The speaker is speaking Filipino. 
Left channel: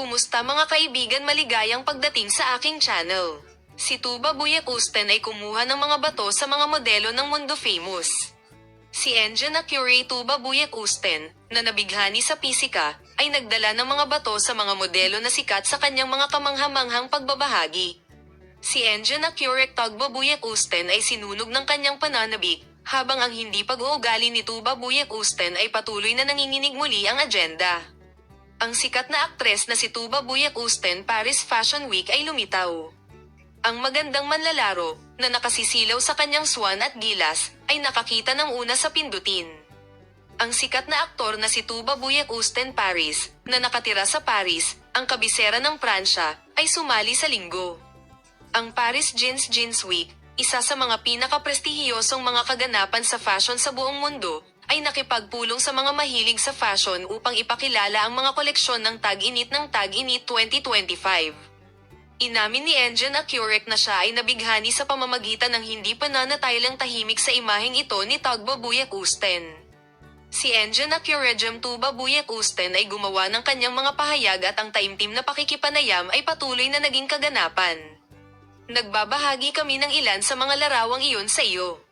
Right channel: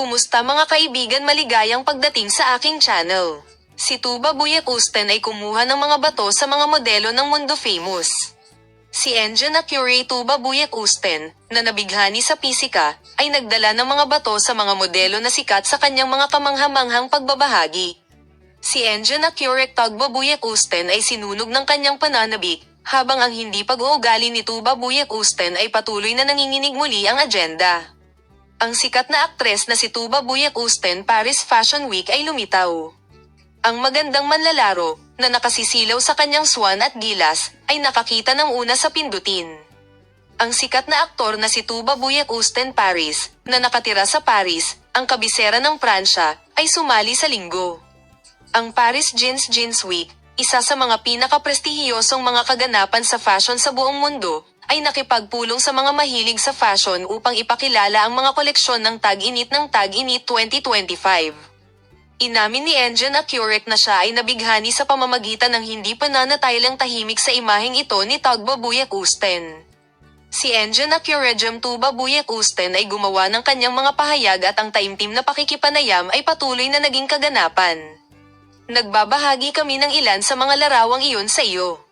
Kumusta mga kaibigan, maligayang pagdating sa aking channel. Si Tuba Buyak-Usten ay kumuha ng mga bato sa mga modelo ng mundo famous. Si Engine Accurate Tuba Buyak-Usten, na nabighani sa pisika, ay nagdala ng mga bato sa mga modelo na sikat sa kanyang mga kamangha-manghang pagbabahagi. Si Engine Accurate Tuba Buyak-Usten ay sinunog ng kanyang pananabik, habang ang hindi pag-uugali ni Tuba Buyak-Usten ay patuloy na nanginginig muli ang agenda. Ang sikat na aktres na si Tuba Buyak-Usten Paris Fashion Week ay lumitaw. Ang magandang manlalaro, na nakasisilaw sa kanyang swan at gilas, ay nakakita ng una sa pindutin. Ang sikat na aktor na si Tuba Buyak-Usten Paris, na nakatira sa Paris, ang kabisera ng Pransya, ay sumali sa linggo. Ang Paris Jeans Week, isa sa mga pinakaprestihiyosong mga kaganapan sa fashion sa buong mundo, ay nakipagpulong sa mga mahilig sa fashion upang ipakilala ang mga koleksyon ng Tag-Init 2025. Inamin ni Engine Accurate na siya ay nabighani sa pamamagitan ng hindi pananatiling tahimik sa imaheng ito ni Tuba Buyak-Usten. Si Engine Accurate Tuba Buyak-Usten ay gumawa ng kanyang mga pahayag at ang taimtim na pakikipanayam ay patuloy na naging kaganapan. Nagbabahagi kami ng ilan sa mga larawang iyon sa iyo.